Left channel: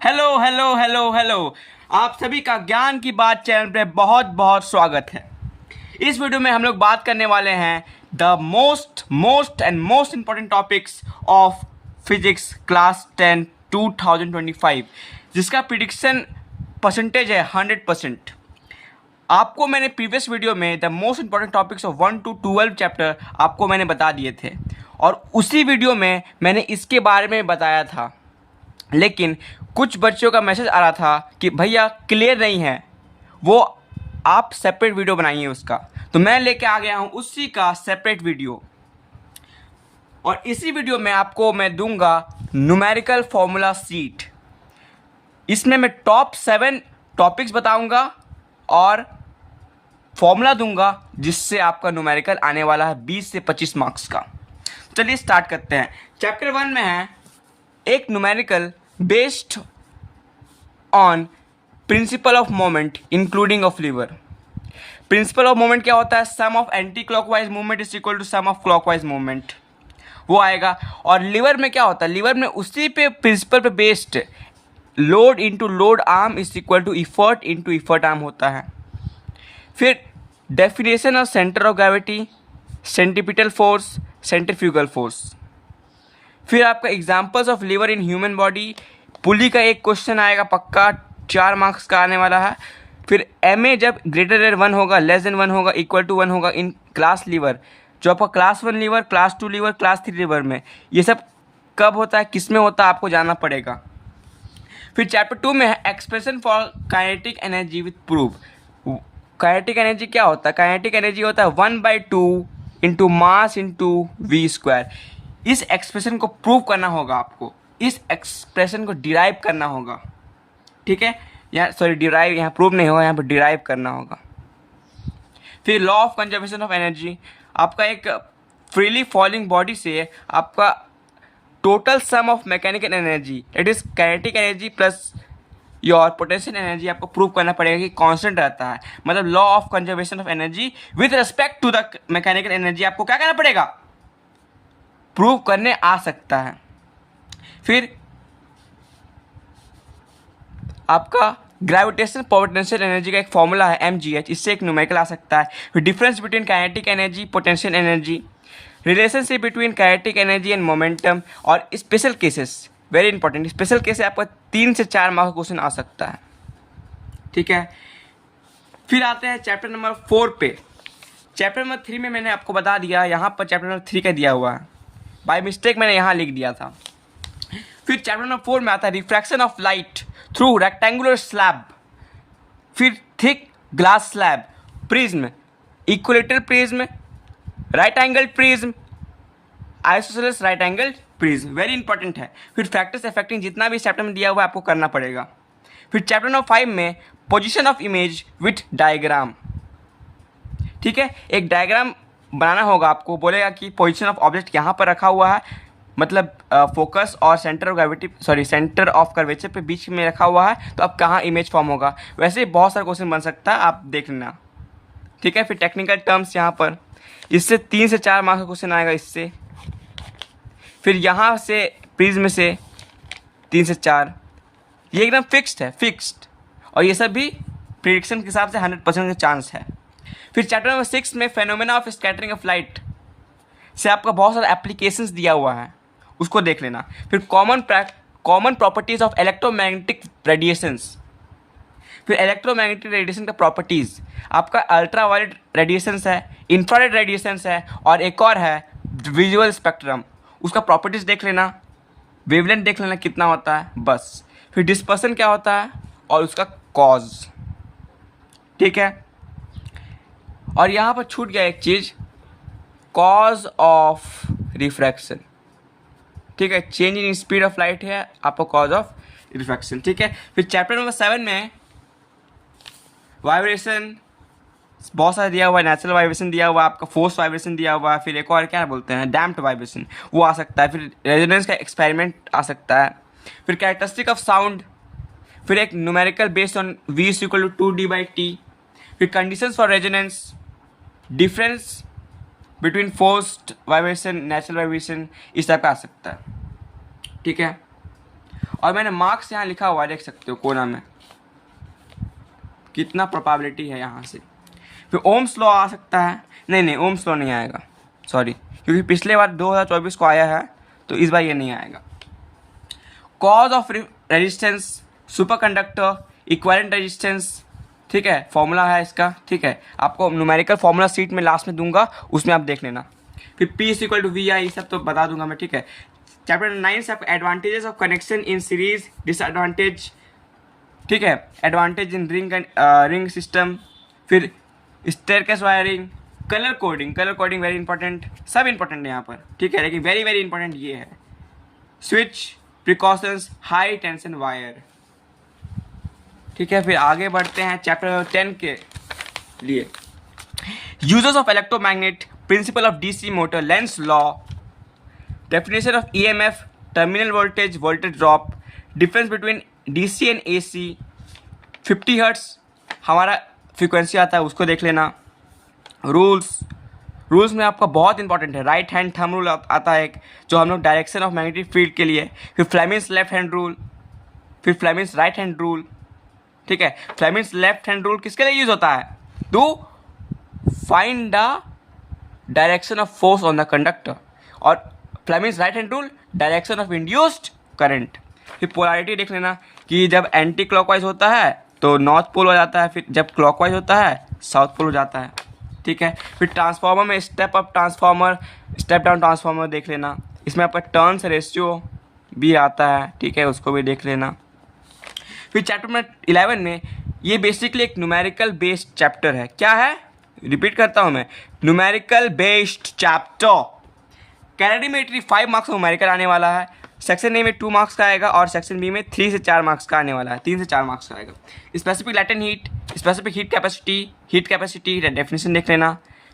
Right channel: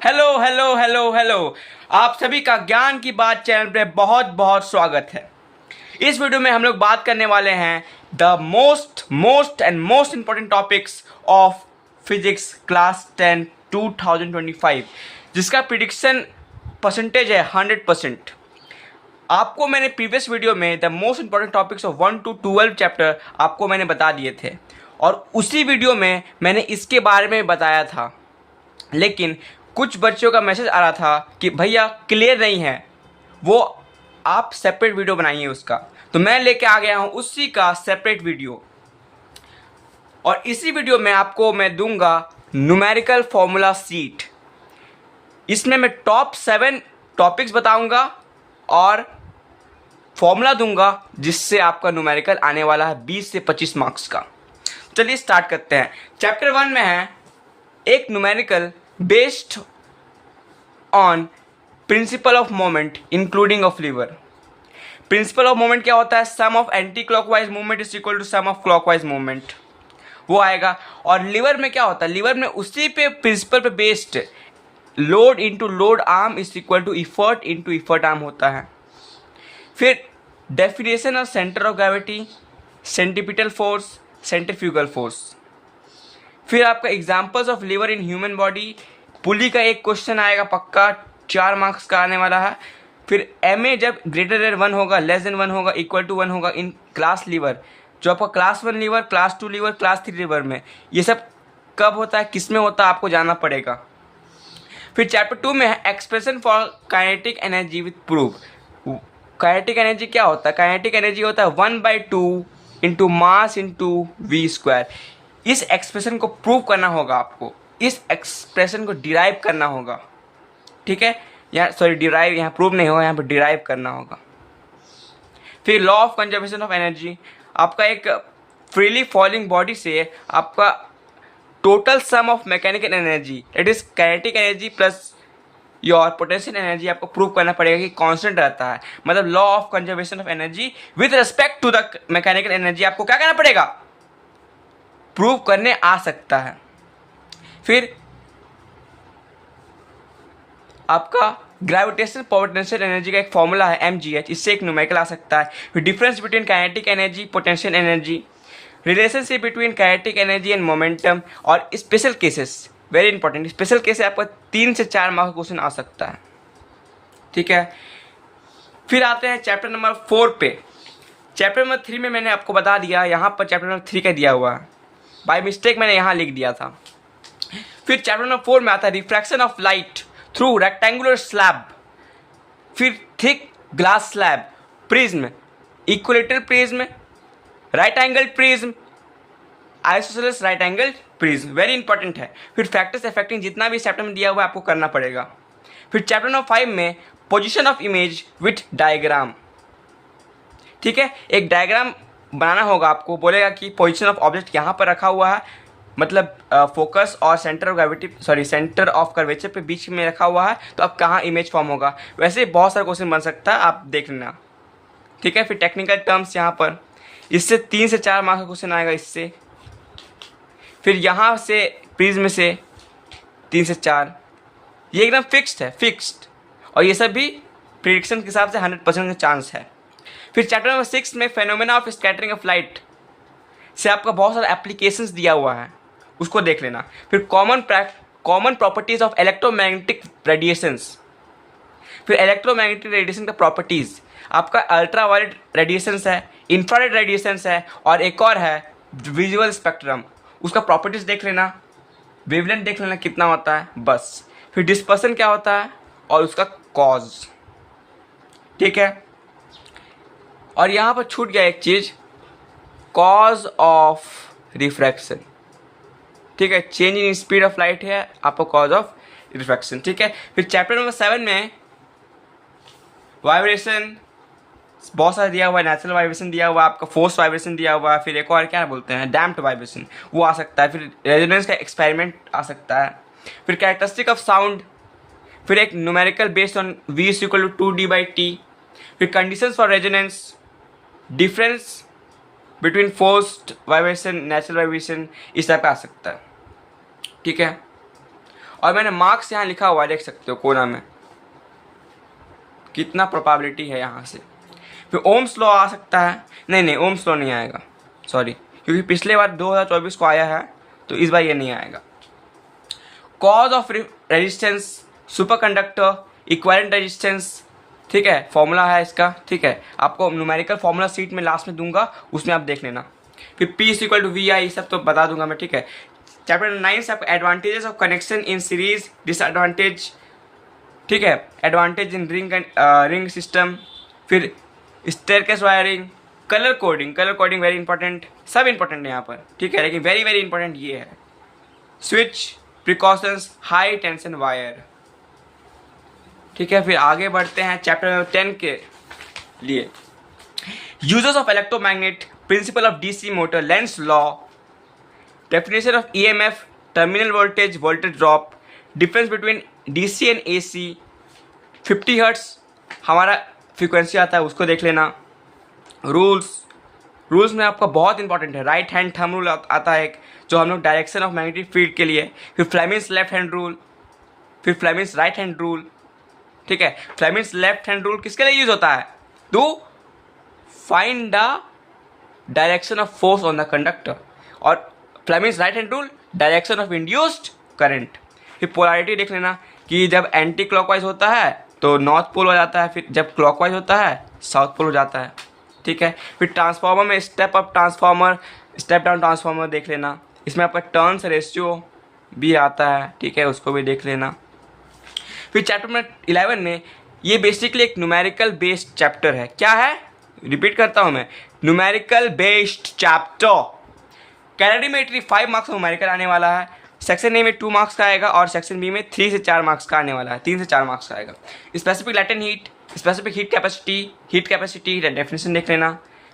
Hello hello hello hello. आप सभी का ज्ञान की बात चैनल पे बहुत बहुत स्वागत है। इस वीडियो में हम लोग बात करने वाले हैं the most and most important topics of physics class 10 2025, जिसका प्रिडिक्शन परसेंटेज है 100%। आपको मैंने प्रीवियस वीडियो में the most important topics of 1 to 12 chapter आपको मैंने बता दिए थे, और उसी वीडियो में मैंने इसके बारे में बताया था। लेकिन कुछ बच्चों का मैसेज आ रहा था कि भैया क्लियर नहीं है, वो आप सेपरेट वीडियो बनाइए उसका। तो मैं लेके आ गया हूँ उसी का सेपरेट वीडियो, और इसी वीडियो में आपको मैं दूंगा न्यूमेरिकल फॉर्मूला सीट। इसमें मैं टॉप 7 टॉपिक्स बताऊंगा और फॉर्मूला दूंगा, जिससे आपका न्यूमेरिकल आने वाला है 20 से 25 मार्क्स का। चलिए स्टार्ट करते हैं। चैप्टर 1 में है एक numerical based on principle of moment including of lever. Principle of moment क्या होता है? Sum of anti clockwise movement is equal to sum of clockwise movement, वो आएगा। और लीवर में क्या होता है? लीवर में उसी पे प्रिंसिपल पे based load into load arm is equal to effort into effort arm होता है। फिर definition of centre of gravity, centripetal force, centrifugal force. फिर आपका examples of lever in human body, pulley का एक क्वेश्चन आएगा पक्का, 4 मार्क्स का आने वाला है। फिर एम ए जब ग्रेटर देन 1 होगा, लेस देन 1 होगा, इक्वल टू 1 होगा इन क्लास लीवर, जो आपका class 1 lever, class 2 lever, class 3 lever में, ये सब कब होता है, किस में होता है, आपको जानना पड़ेगा। फिर चैप्टर 2 में है expression for kinetic energy with proof. Kinetic energy क्या होता है? काइनेटिक एनर्जी होता है 1/2 into mass into v square. इस एक्सप्रेशन को प्रूव करना होगा आपको, इस एक्सप्रेशन को डिराइव करना होगा, ठीक है। यहाँ डिराइव, यहाँ प्रूव नहीं होगा, यहाँ पर डिराइव करना होगा। फिर law of conservation of energy, आपका एक फ्रीली फॉलिंग बॉडी से आपका total sum of mechanical energy, it is kinetic energy plus your potential energy, आपको प्रूव करना पड़ेगा कि कांस्टेंट रहता है। मतलब law of conservation of energy with respect to the mechanical energy आपको क्या करना पड़ेगा? प्रूव करने आ सकता है। फिर आपका ग्रेविटेशनल पोटेंशियल एनर्जी का एक फॉर्मूला है mgh, इससे एक न्यूमेरिकल आ सकता है। फिर difference between kinetic energy, potential energy, relationship between kinetic energy and momentum, और special cases, very important. Special case आपका 3 से 4 मार्क्स का क्वेश्चन आ सकता है, ठीक है। फिर आते हैं चैप्टर नंबर 4 पे। चैप्टर नंबर 3 में मैंने आपको बता दिया, यहाँ पर चैप्टर नंबर 3 का दिया हुआ है, बाय मिस्टेक मैंने यहाँ लिख दिया था। फिर चैप्टर नंबर 4 में आता है refraction of light through rectangular slab, फिर thick glass slab, prism, equilateral prism, right angle prism, isosceles right angle prism, very important है। फिर फैक्टर्स अफेक्टिंग, जितना भी चैप्टर में दिया हुआ है आपको करना पड़ेगा। फिर चैप्टर नंबर 5 में position of image with diagram, ठीक है। एक डायग्राम बनाना होगा आपको, बोलेगा कि पोजीशन ऑफ ऑब्जेक्ट यहाँ पर रखा हुआ है, मतलब फोकस और centre of gravity, centre of curvature पे बीच में रखा हुआ है, तो अब कहाँ इमेज फॉर्म होगा। वैसे बहुत सारे क्वेश्चन बन सकता है, आप देख लेना, ठीक है। फिर टेक्निकल टर्म्स यहाँ पर, इससे 3 से 4 मार्क्स का क्वेश्चन आएगा इससे। फिर यहाँ से प्रिज्म से 3 से 4, ये एकदम फिक्स्ड है, फिक्स्ड, और ये सब भी प्रिडिक्शन के हिसाब से 100% का चांस है। फिर चैप्टर नंबर 6 में phenomena of scattering of light से आपका बहुत सारा एप्लीकेशंस दिया हुआ है, उसको देख लेना। फिर common properties of electromagnetic radiations, फिर इलेक्ट्रोमैग्नेटिक रेडिएशन का प्रॉपर्टीज़, आपका अल्ट्रावायलेट रेडिएशंस है, इंफ्रारेड रेडिएशंस है, और एक और है विजुअल स्पेक्ट्रम, उसका प्रॉपर्टीज़ देख लेना, वेवलेंथ देख लेना कितना होता है, बस। फिर डिस्पर्सन क्या होता है और उसका कॉज, ठीक है। और यहाँ पर छूट गया एक चीज़, कॉज ऑफ रिफ्रैक्शन, ठीक है। Change in speed of light है आपका कॉज ऑफ रिफ्रैक्शन, ठीक है। फिर चैप्टर नंबर 7 में वाइब्रेशन बहुत सारा दिया हुआ है, नेचुरल वाइब्रेशन दिया हुआ है, आपका फोर्स वाइब्रेशन दिया हुआ है, फिर एक और क्या बोलते हैं, डैम्प्ड वाइब्रेशन, वो आ सकता है। फिर रेजोनेंस का एक्सपेरिमेंट आ सकता है। फिर कैरेक्टरिस्टिक ऑफ साउंड, फिर एक numerical based on v = 2d/t, फिर conditions for resonance, difference between forced vibration, natural vibration, इस तरह का आ सकता है, ठीक है। और मैंने मार्क्स यहाँ लिखा हुआ है, देख सकते हो कोना में कितना प्रोबेबिलिटी है यहाँ से। फिर ओम्स लॉ आ सकता है, नहीं ओम्स लॉ नहीं आएगा, सॉरी, क्योंकि पिछले बार 2024 को आया है तो इस बार ये नहीं आएगा। Cause of resistance, superconductor, equivalent resistance, ठीक है, फॉर्मूला है इसका, ठीक है, आपको न्यूमेरिकल फॉर्मूला सीट में लास्ट में दूंगा, उसमें आप देख लेना। फिर P is equal to V I, सब तो बता दूंगा मैं, ठीक है। चैप्टर 9 से आपको advantages of connection in series, disadvantage, ठीक है, एडवांटेज इन रिंग सिस्टम, फिर staircase wiring, colour coding very important, सब इंपॉर्टेंट है यहाँ पर, ठीक है, लेकिन वेरी वेरी इंपॉर्टेंट ये है switch, precautions, high tension wire, ठीक है। फिर आगे बढ़ते हैं चैप्टर 10 के लिए। Uses of electromagnet, principle of DC motor, Lenz law, definition of EMF, terminal voltage drop, difference between DC and AC, 50 hertz हमारा फ्रीक्वेंसी आता है, उसको देख लेना। रूल्स में आपका बहुत इंपॉर्टेंट है, राइट हैंड थंब रूल आता है एक, जो हम लोग डायरेक्शन ऑफ मैग्नेटिक फील्ड के लिए, फिर फ्लेमिंग्स लेफ्ट हैंड रूल, फिर फ्लेमिंग्स राइट हैंड रूल, ठीक है। फ्लेमिंग्स लेफ्ट हैंड रूल किसके लिए यूज होता है? To find the direction of force on the conductor, और Fleming's right hand rule direction of induced current. फिर पोलैरिटी देख लेना कि जब एंटी क्लॉकवाइज होता है तो नॉर्थ पोल हो जाता है, फिर जब क्लॉकवाइज होता है साउथ पोल हो जाता है, ठीक है। फिर ट्रांसफार्मर में step up transformer, step down transformer देख लेना, इसमें आपका टर्न्स रेशियो भी आता है, ठीक है, उसको भी देख लेना। फिर चैप्टर में 11 में ये बेसिकली एक न्यूमेरिकल बेस्ड चैप्टर है। क्या है? रिपीट करता हूँ मैं, numerical based chapter. Calorimetry 5 marks में न्यूमेरिकल आने वाला है, सेक्शन ए में 2 मार्क्स का आएगा और सेक्शन बी में 3 से 4 मार्क्स का आने वाला है, 3 से 4 मार्क्स का आएगा। Specific latent heat, specific heat capacity definition देख लेना।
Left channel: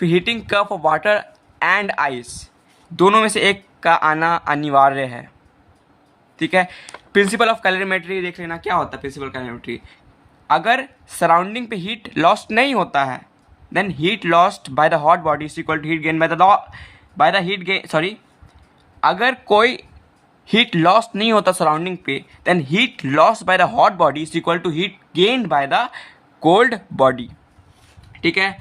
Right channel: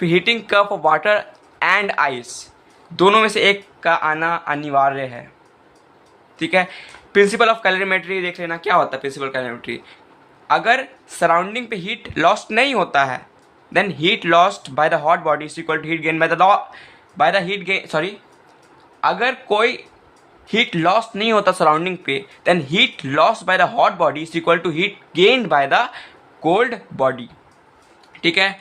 फिर heating curve of water and ice, दोनों में से एक का आना अनिवार्य है, ठीक है। प्रिंसिपल ऑफ कैलोरीमेट्री देख लेना, क्या होता है प्रिंसिपल कैलोरीमेट्री। अगर सराउंडिंग पे हीट लॉस्ट नहीं होता है, then heat lost by the hot body is equal to heat gain by the heat gain, sorry, अगर कोई हीट लॉस नहीं होता सराउंडिंग पे, then heat loss by the hot body is equal to heat gained by the cold body, ठीक है।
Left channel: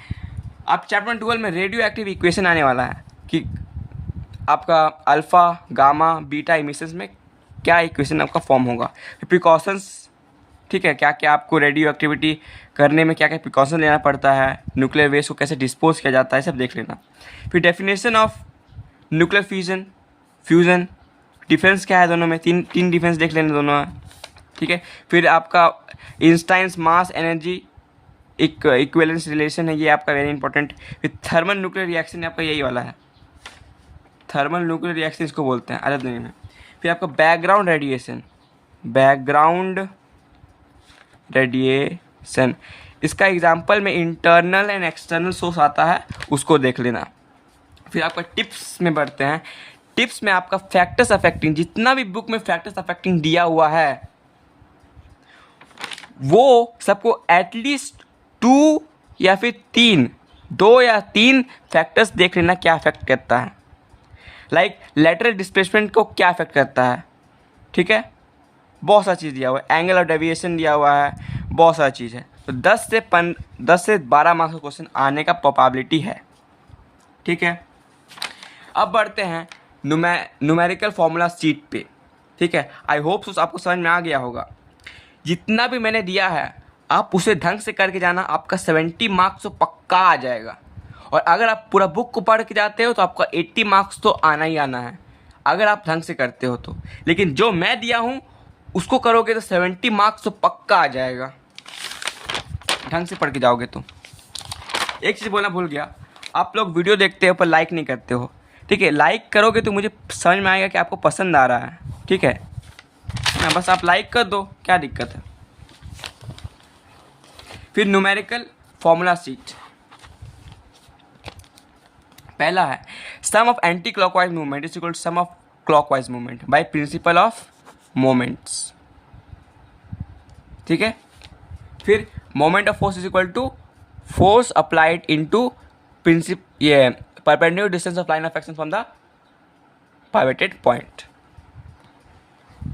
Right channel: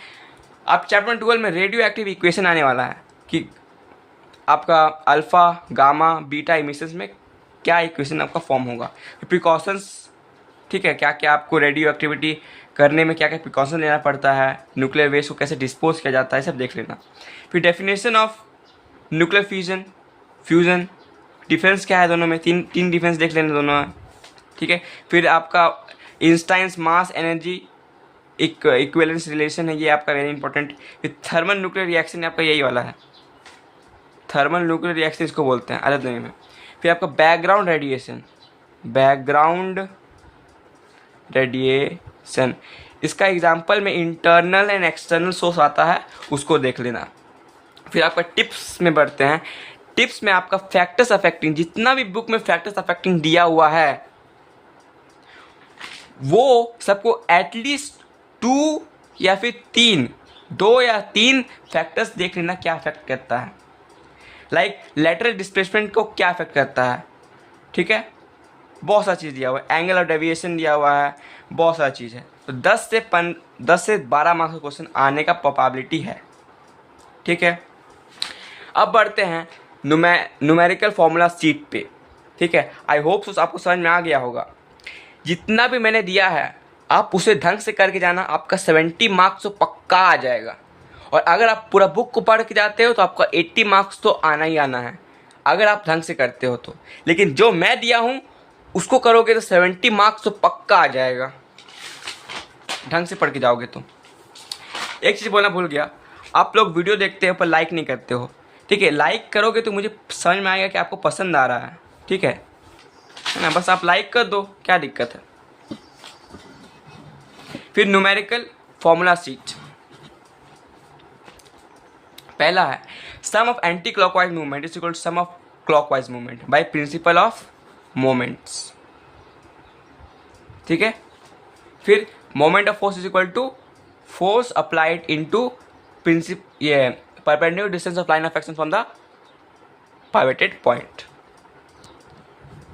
अब chapter 12 में radio active equation आने वाला है कि आपका अल्फा गामा बीटा इमिशंस में क्या इक्वेशन आपका फॉर्म होगा। प्रिकॉशंस, ठीक है, क्या क्या आपको रेडियो एक्टिविटी करने में क्या क्या प्रिकॉशन लेना पड़ता है, न्यूक्लियर वेस्ट को कैसे डिस्पोज किया जाता है, सब देख लेना। फिर definition of nuclear fusion, difference क्या है दोनों में, तीन डिफरेंस देख लेना दोनों में, ठीक है। फिर आपका Einstein's mass energy equivalence relation है, ये आपका वेरी इंपॉर्टेंट। फिर थर्मल न्यूक्लियर रिएक्शन आपका यही वाला है, थर्मल न्यूक्लियर रिएक्शन इसको बोलते हैं अलग दुनिया में। फिर आपका बैकग्राउंड रेडिएशन, इसका एग्जाम्पल में इंटरनल एंड एक्सटर्नल सोर्स आता है, उसको देख लेना। फिर आपका टिप्स में बढ़ते हैं। टिप्स में आपका फैक्टर्स अफेक्टिंग, जितना भी बुक में फैक्टर्स अफेक्टिंग दिया हुआ है वो सबको एटलीस्ट 2 या फिर 2 या 3 फैक्टर्स देख लेना क्या अफेक्ट करता है। लाइक लेटरल डिस्प्लेसमेंट को क्या अफेक्ट करता है, ठीक है, बहुत सारी चीज़ दिया हुआ है, एंगल ऑफ डेविएशन दिया हुआ है, बहुत सारी चीज़ है। तो 10 से 12 मार्क्स का क्वेश्चन आने का प्रोबेबिलिटी है, ठीक है। अब बढ़ते हैं न्यूमेरिकल फॉर्मूला सीट पे, ठीक है। आई होप सो आपको समझ में आ गया होगा। जितना भी मैंने दिया है आप उसे ढंग से करके जाना, आपका 70 मार्क्स तो पक्का आ जाएगा। और अगर आप पूरा बुक को पढ़ के जाते हो तो आपका 80 मार्क्स तो आना ही आना है, अगर आप ढंग से करते हो तो। लेकिन जो मैं दिया हूँ उसको करोगे तो 70 मार्क्स तो पक्का आ जाएगा, ढंग से पढ़ के जाओगे तो। एक चीज़ बोलना भूल गया, आप लोग वीडियो देखते हो पर लाइक नहीं करते हो, ठीक है। लाइक करोगे तो मुझे समझ में आएगा कि आपको पसंद आ रहा है, ठीक है ना। बस आप लाइक कर दो, क्या दिक्कत है। फिर न्यूमेरिकल फॉर्मूला सीट, पहला है sum of anti clockwise movement is equal to sum of clockwise movement by principle of moments, ठीक है। फिर moment of force is equal to force applied into ये perpendicular distance of line of action from the pivoted point,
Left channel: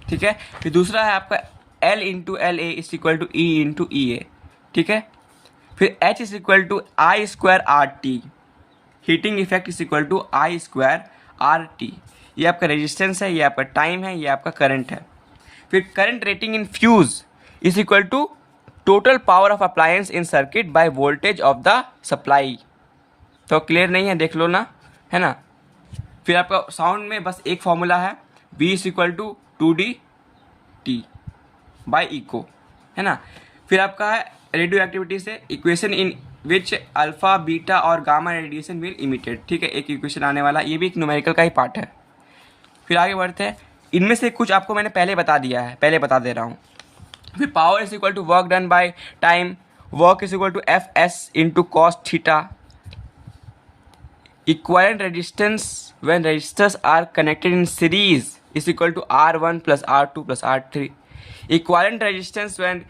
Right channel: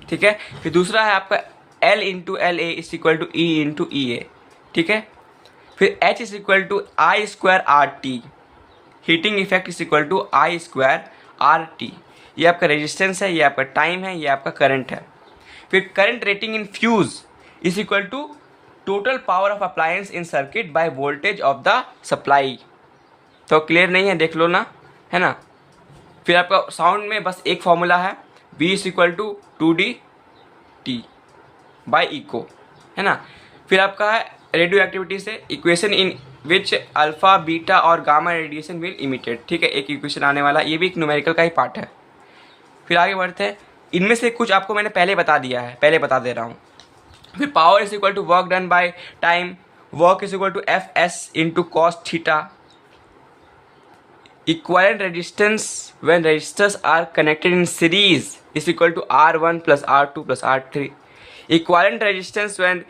ठीक है। फिर दूसरा है आपका L into L A is equal to E into E A, ठीक है। फिर H is equal to I square R T, heating effect is equal to I square R T. ये आपका रेजिस्टेंस है, ये आपका टाइम है, ये आपका करंट है। फिर current rating in fuse is equal to total power of appliance in circuit by voltage of the supply. तो क्लियर नहीं है, देख लो ना, है ना। फिर आपका साउंड में बस एक फॉर्मूला है, V is equal to 2D by echo, है ना। फिर आपका है रेडियो एक्टिविटी से equation in which alpha beta और गामा रेडिएशन विल इमिटेड, ठीक है। एक इक्वेशन आने वाला, ये भी एक न्यूमेरिकल का ही पार्ट है। फिर आगे बढ़ते हैं, इनमें से कुछ आपको मैंने पहले बता दिया है, पहले बता दे रहा हूँ। फिर power is equal to work done by time, work is equal to F S into cos theta. Equivalent resistance when resistors are connected in series is equal to R1 plus R2 plus R3। Equivalent resistance when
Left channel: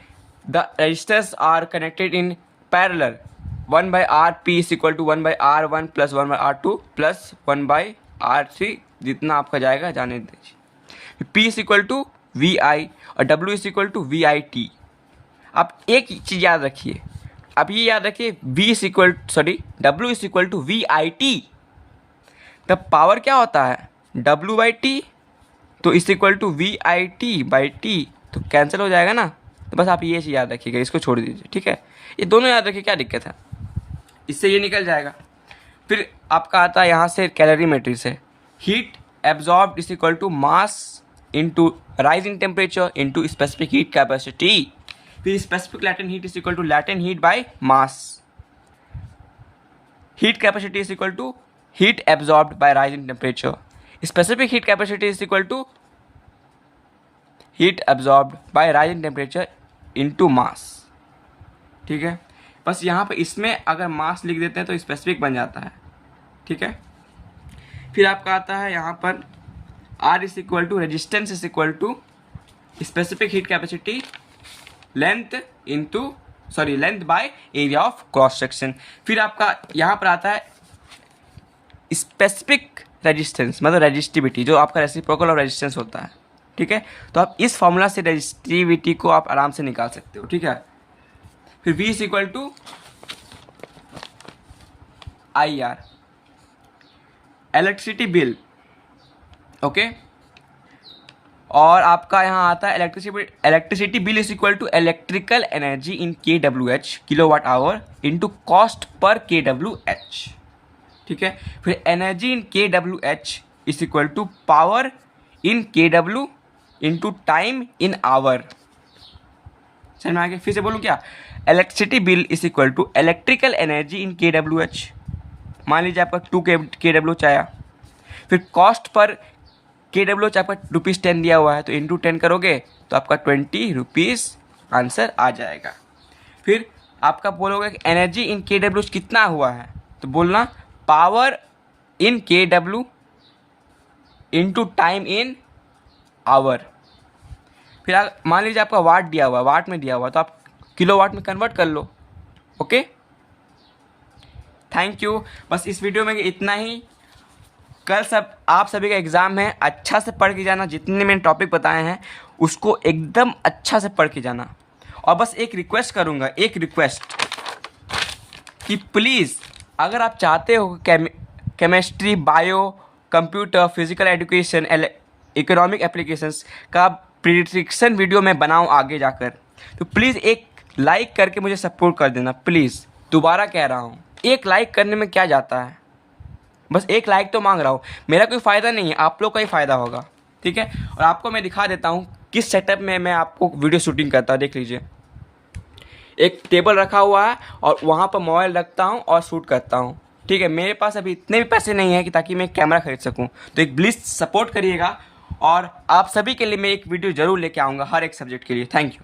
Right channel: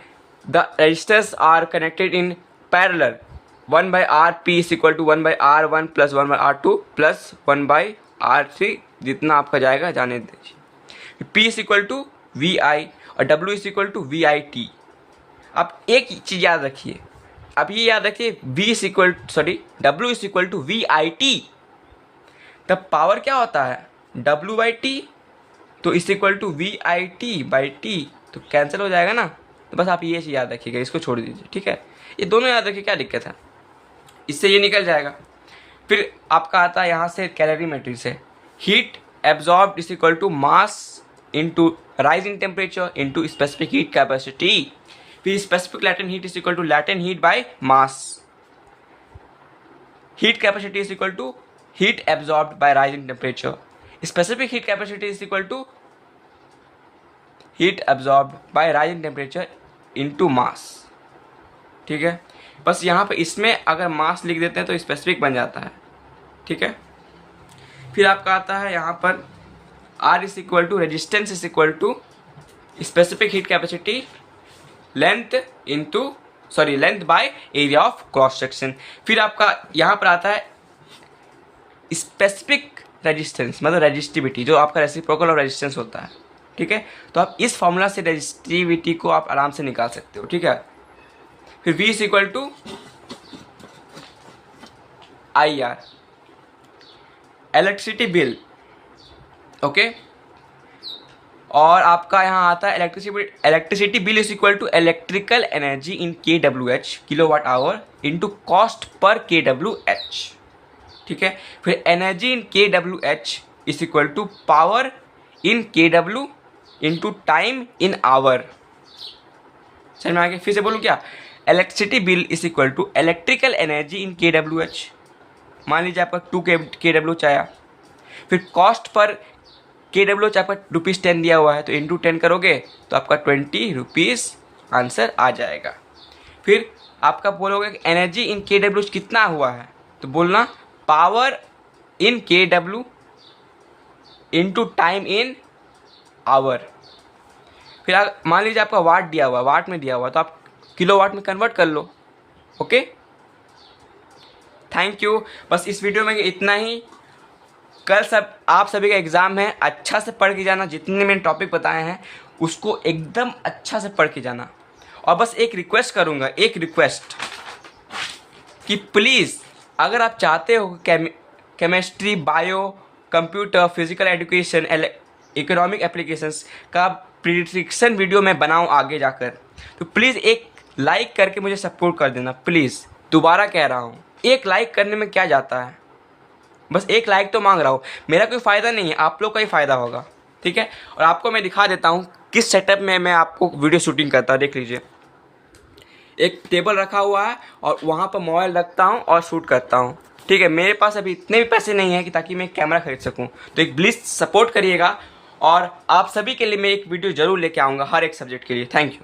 the resistors are connected in parallel 1 by RP is equal to 1 by R1 plus 1 by R2 plus 1 by R3, जितना आपका जाएगा जाने दीजिए। P is equal to VI और W is equal to VIT। अब एक चीज़ याद रखिए, अब ये याद रखिए W is equal to VIT। तब पावर क्या होता है W बाई टी, तो is equal to VIT by T, तो कैंसिल हो जाएगा ना। तो बस आप ये चीज़ याद रखिएगा, इसको छोड़ दीजिए, ठीक है। ये दोनों याद रखिए, क्या दिक्कत है, इससे ये निकल जाएगा। फिर आपका आता है यहाँ से कैलोरीमेट्री से, heat absorb is equal to mass into rising temperature into specific heat capacity. फिर specific latent heat is equal to latent heat by mass. Heat capacity is equal to heat absorbed by rising temperature. Specific heat capacity is equal to heat absorbed by rising temperature into mass, ठीक है। बस यहाँ पर इसमें अगर मास लिख देते हैं तो स्पेसिफिक बन जाता है, ठीक है। फिर आपका आता है यहाँ पर R is equal to resistance is equal to specific heat capacity length by area of cross section. फिर आपका यहाँ पर आता है स्पेसिफिक रेजिस्टेंस, मतलब रेजिस्टिविटी, जो आपका रेसिप्रोकल ऑफ रेजिस्टेंस होता है, ठीक है। तो आप इस फॉर्मूला से रेजिस्टिविटी को आप आराम से निकाल सकते हो, ठीक है। फिर V is equal to IR, electricity bill, okay. और आपका यहाँ आता है electricity bill is equal to electrical energy in kWh kilowatt hour into cost per kWh, ठीक है। फिर energy in kWh is equal to power in kW into time in hour. समझ में आ गया? फिर से बोलूँ क्या, electricity bill is equal to electrical energy in kWh। मान लीजिए आपका 2 kWh आया, फिर कॉस्ट पर kWh आपका ₹10 दिया हुआ है, तो इंटू 10 करोगे तो आपका ₹20 आंसर आ जाएगा। फिर आपका बोलोगे कि एनर्जी इन kWh कितना हुआ है, तो बोलना power in kW into time in hour. फिर मान लीजिए आपका वाट दिया हुआ है, वाट में दिया हुआ है, तो आप किलोवाट में कन्वर्ट कर लो, ओके। थैंक यू, बस इस वीडियो में इतना ही। कल आप सभी का एग्ज़ाम है, अच्छा से पढ़ के जाना, जितने मैंने टॉपिक बताए हैं उसको एकदम अच्छा से पढ़ के जाना। और बस एक रिक्वेस्ट करूँगा, एक रिक्वेस्ट कि प्लीज़ अगर आप चाहते हो chemistry, bio, computer, physical education, economic applications का प्रिडिक्शन वीडियो मैं बनाऊँ आगे जाकर, तो प्लीज़ एक लाइक करके मुझे सपोर्ट कर देना प्लीज़। दोबारा कह रहा हूँ, एक लाइक करने में क्या जाता है, बस एक लाइक तो मांग रहा हूँ। मेरा कोई फ़ायदा नहीं है, आप लोग का ही फ़ायदा होगा, ठीक है। और आपको मैं दिखा देता हूँ किस सेटअप में मैं आपको वीडियो शूटिंग करता हूँ। देख लीजिए, एक टेबल रखा हुआ है और वहाँ पर मोबाइल रखता हूँ और शूट करता हूँ, ठीक है। मेरे पास अभी इतने भी पैसे नहीं हैं कि ताकि मैं एक कैमरा खरीद सकूँ, तो एक प्लीज़ सपोर्ट करिएगा। और आप सभी के लिए मैं एक वीडियो ज़रूर लेके आऊँगा हर एक सब्जेक्ट के लिए। Thank you.